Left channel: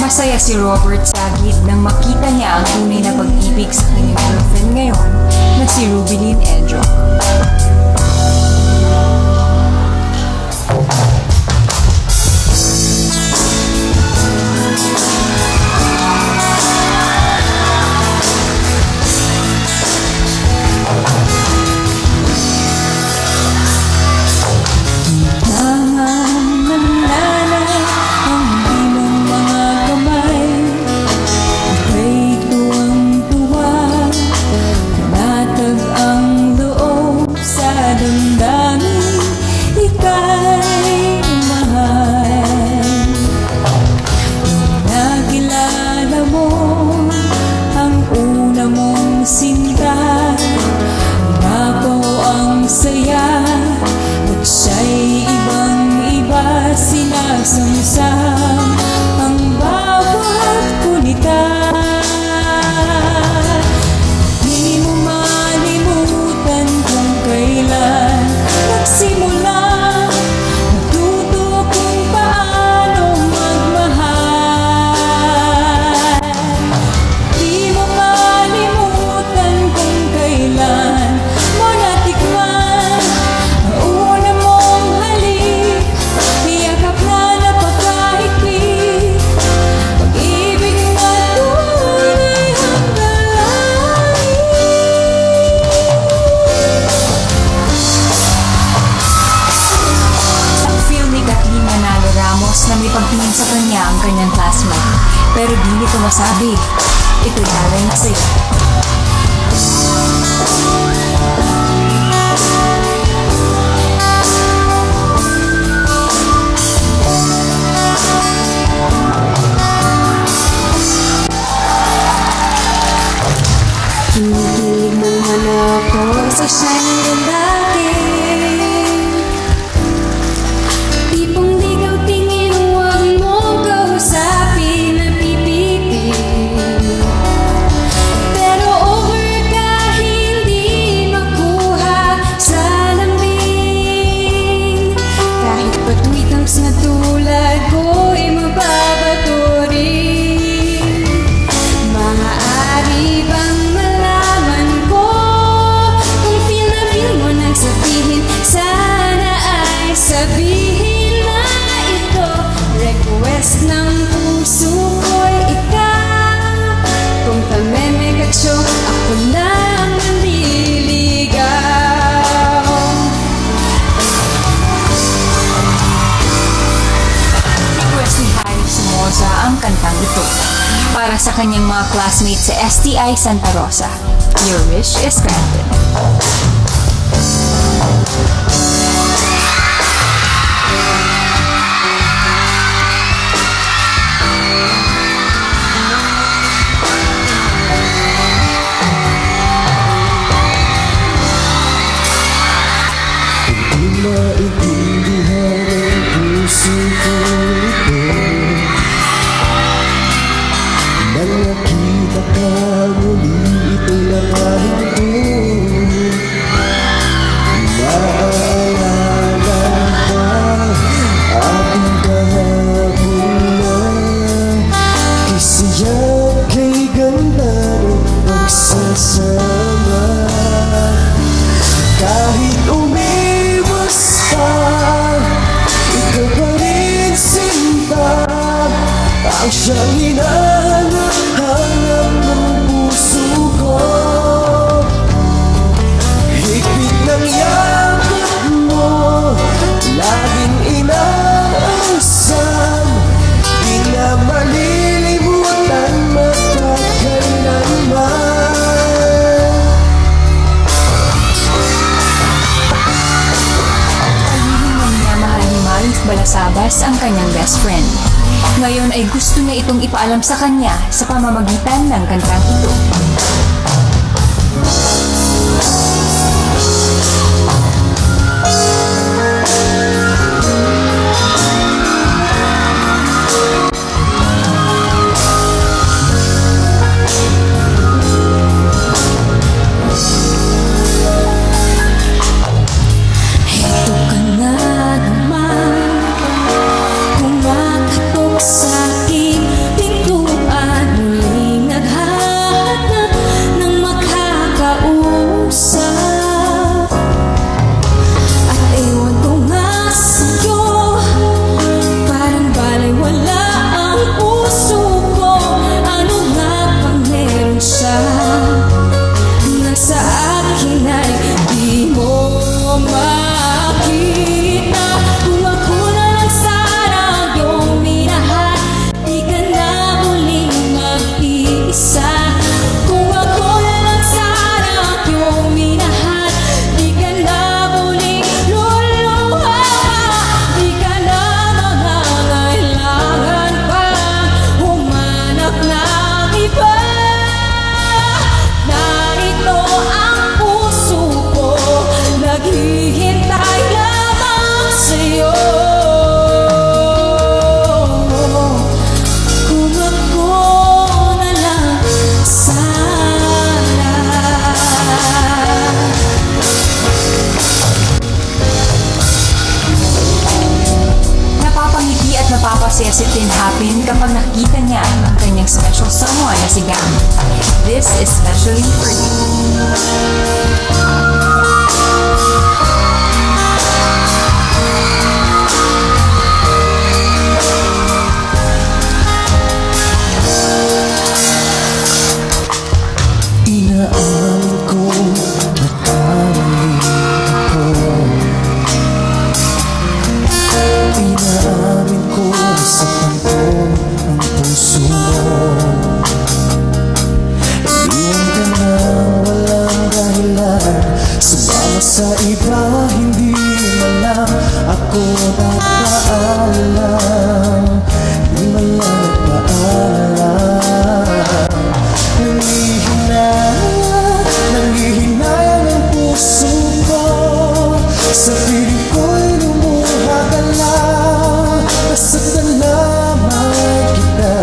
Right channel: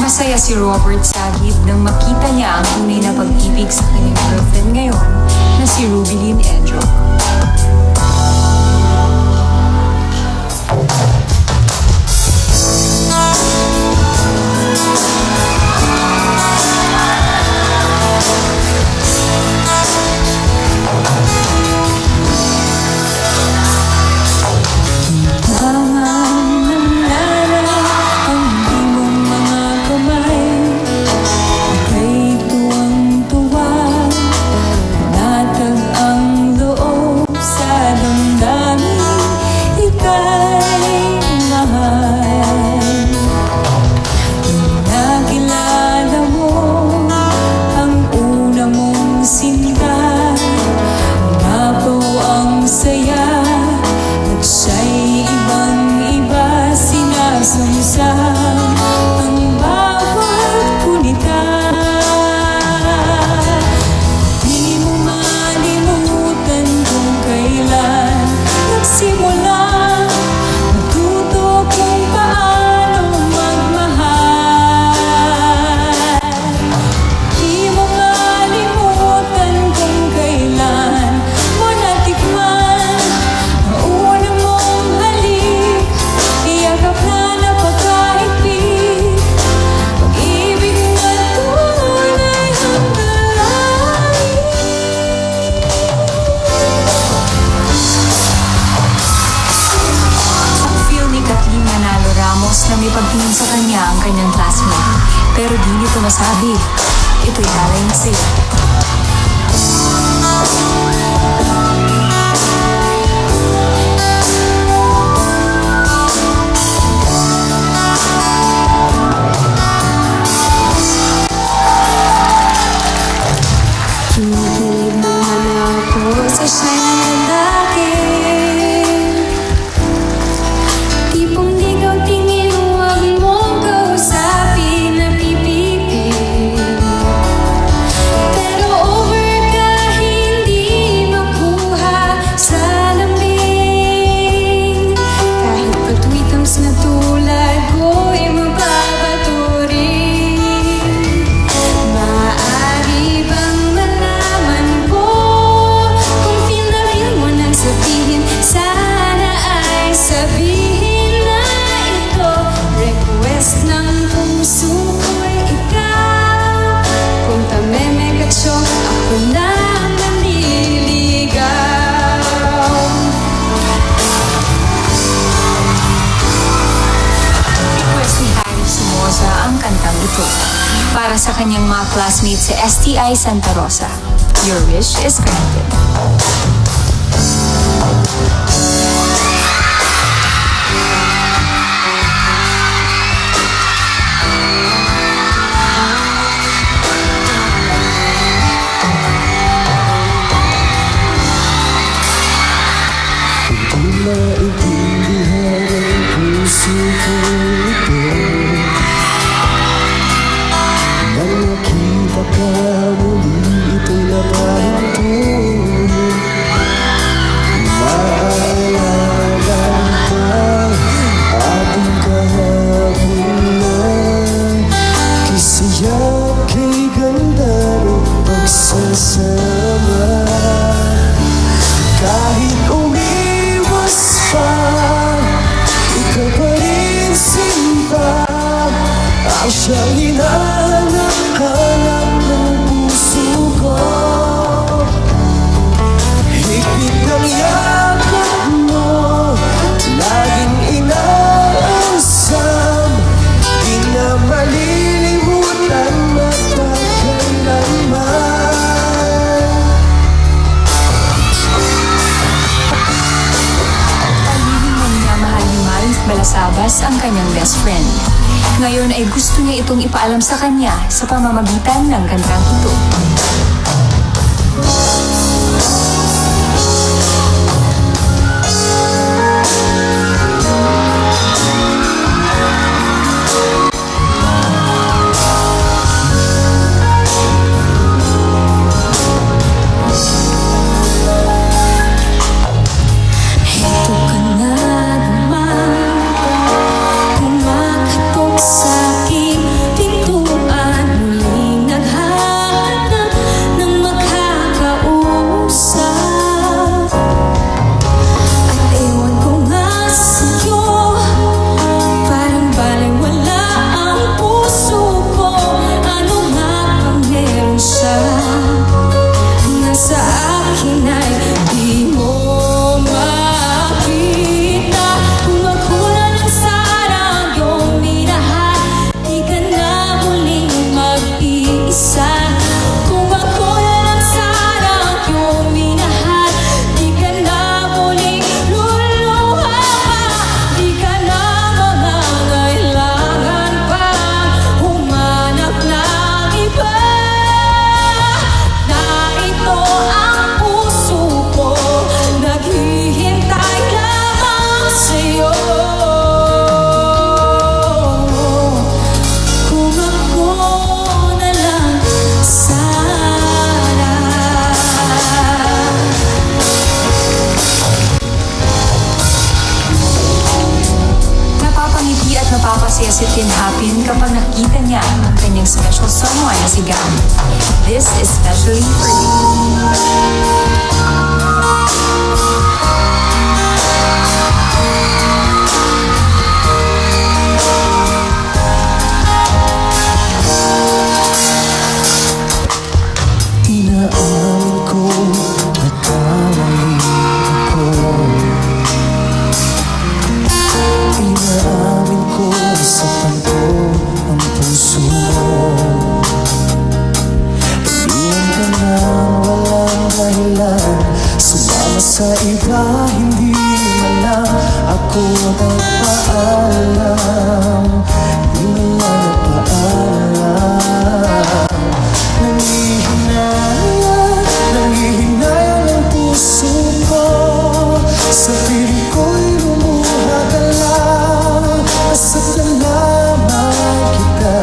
Masaya si Robert Sagid nang makita niya ang tunay na pag-ibig sa kanyang girlfriend ngayon na si Rubilin Edro. Na may pagtingin sa kanya ang kanyang classmate, pero di nito masabi, ito'y talent sa'yo. Hindi mo ako sa siyang dati. Para sa kanyang mga classmates sa STI Santa Rosa. Your wish is granted. Kahit umiwas pa, ikaw pa rin sinta. Ang siyang hinahanap ng puso ko. Higpit ng yakap mo, laging inaasam. Di na malilimutan magkakailanman. Balasabas ang kanyang best friend. Ngayon ay gusto niya itong ipaalam sa kanya sa pamamagitan ng kantang ito. Sa'king Napapasaya si Tin Hapin kapag nakita niya ang kanyang special someone na si Gam. This is especially for you. Inaamin ko, nagkamali ako. Inaamin ko sa kanto ang puso mo. Iniwan ka na walang dahilan, sumama sa iba, hindi man lang ako nagpaalam. Di man lang nagpaalam. Nangihinayang ang puso ko, sa piling ko'y lumuha ka lang. Nasasalamat kita.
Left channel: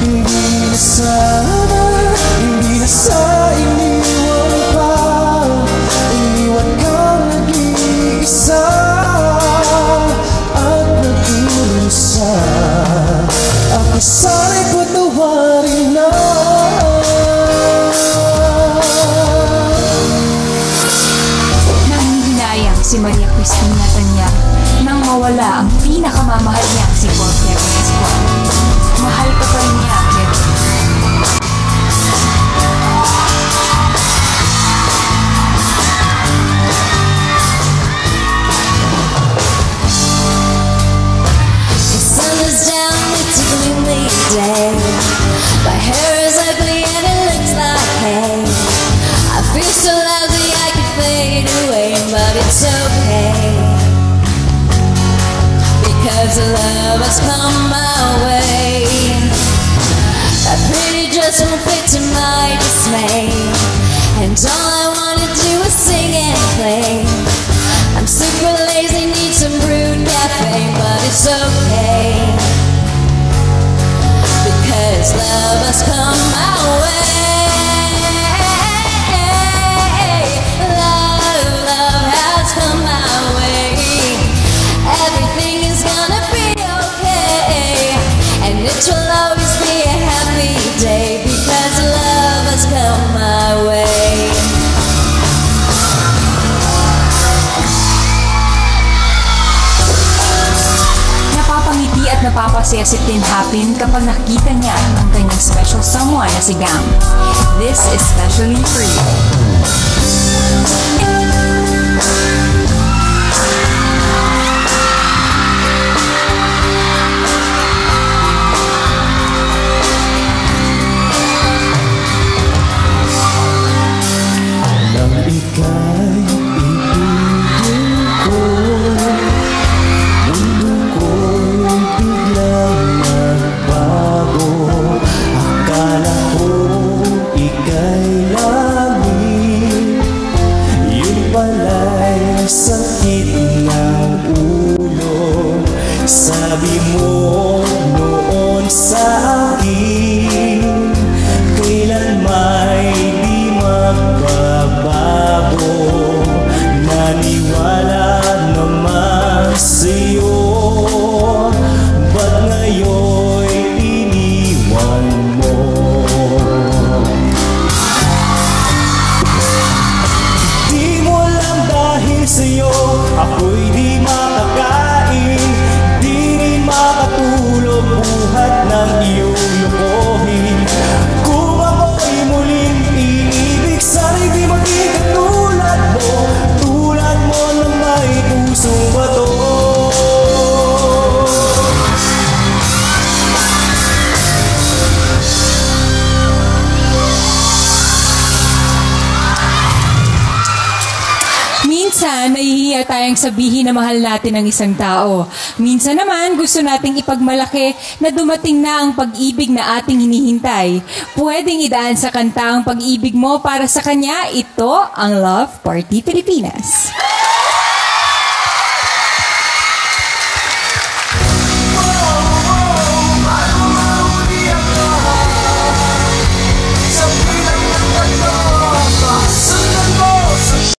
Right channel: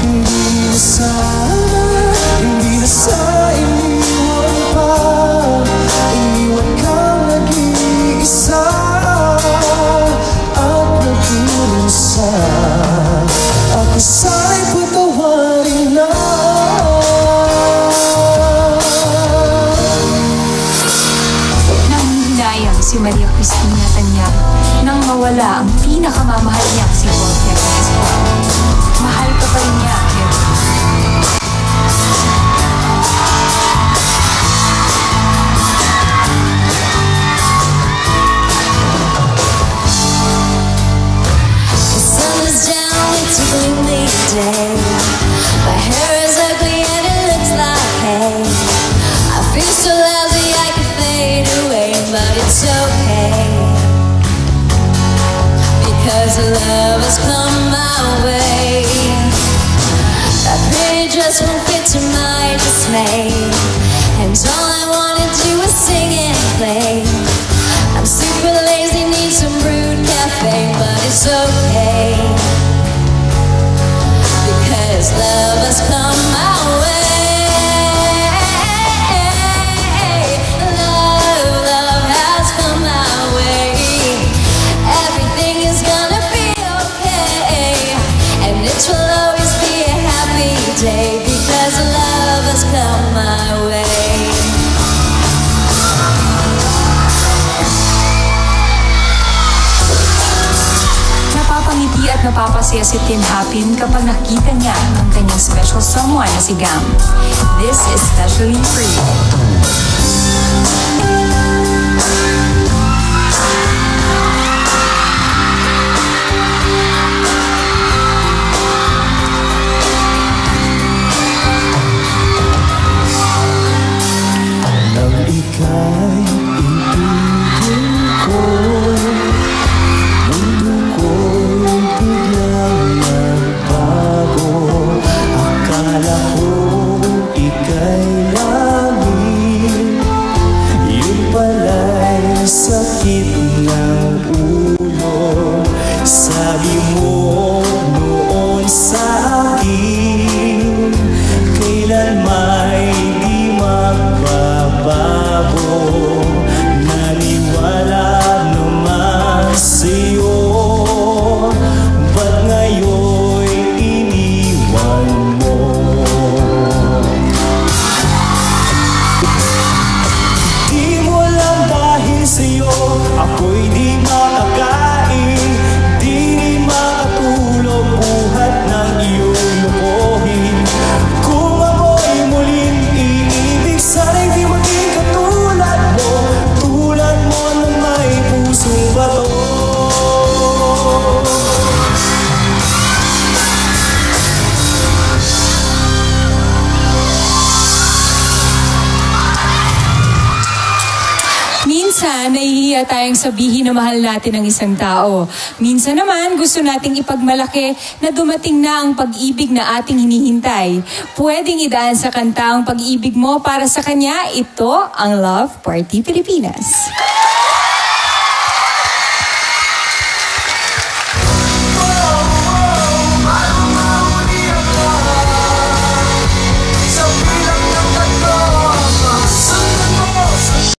Hindi na sa iniwan pa, iniwan kang nag-iisa at nag-iisa. Ako sa'y patawarin na. Si Maria Cristina Tanya nang mawala ang pinakamamahal niya si Paul Kevin. Mahal ka pa niya, Kevin. The sun is down, it's a gloomy day. My hair is ugly and it looks like hay. I feel so lousy I could fade away, but it's okay, because the love has come my way. That pretty dress won't fit to my dismay, and all I wanna do is sing and play. I'm super lazy, need some brewed cafe, but it's okay, because love has come my way. It will always be a happy day, because love has come my way. Napapangiti at napapasaya si Tin Hapin kapag nakita niya ang kanyang special someone na si Gam. This is especially for you. Ika'y ibigin ko, mundo ko'y biglang nagbago. Akala ko ika'y langit, yun pala'y sakit ng ulo. Sabi mo noon sa akin, kailan may di magbabago. Naniwala naman sa'yo, ba't ngayon'y iniwan mo? Di mo alam dahil sa'yo ako'y di makakain, di rin makatulog buhat ng iyong lukohin. Kung ako'y muling inibig, sana'y di maging katulad mo, tulad mo na may pusong bato. Minsan, nahihiya tayong sabihin na mahal natin ang isang tao. Minsan naman, gusto nating ipagmalaki na dumating na ang pag-ibig na ating hinihintay. Pwedeng idaan sa kanta ang pag-ibig mo para sa kanya. Ito ang Love Party Pilipinas.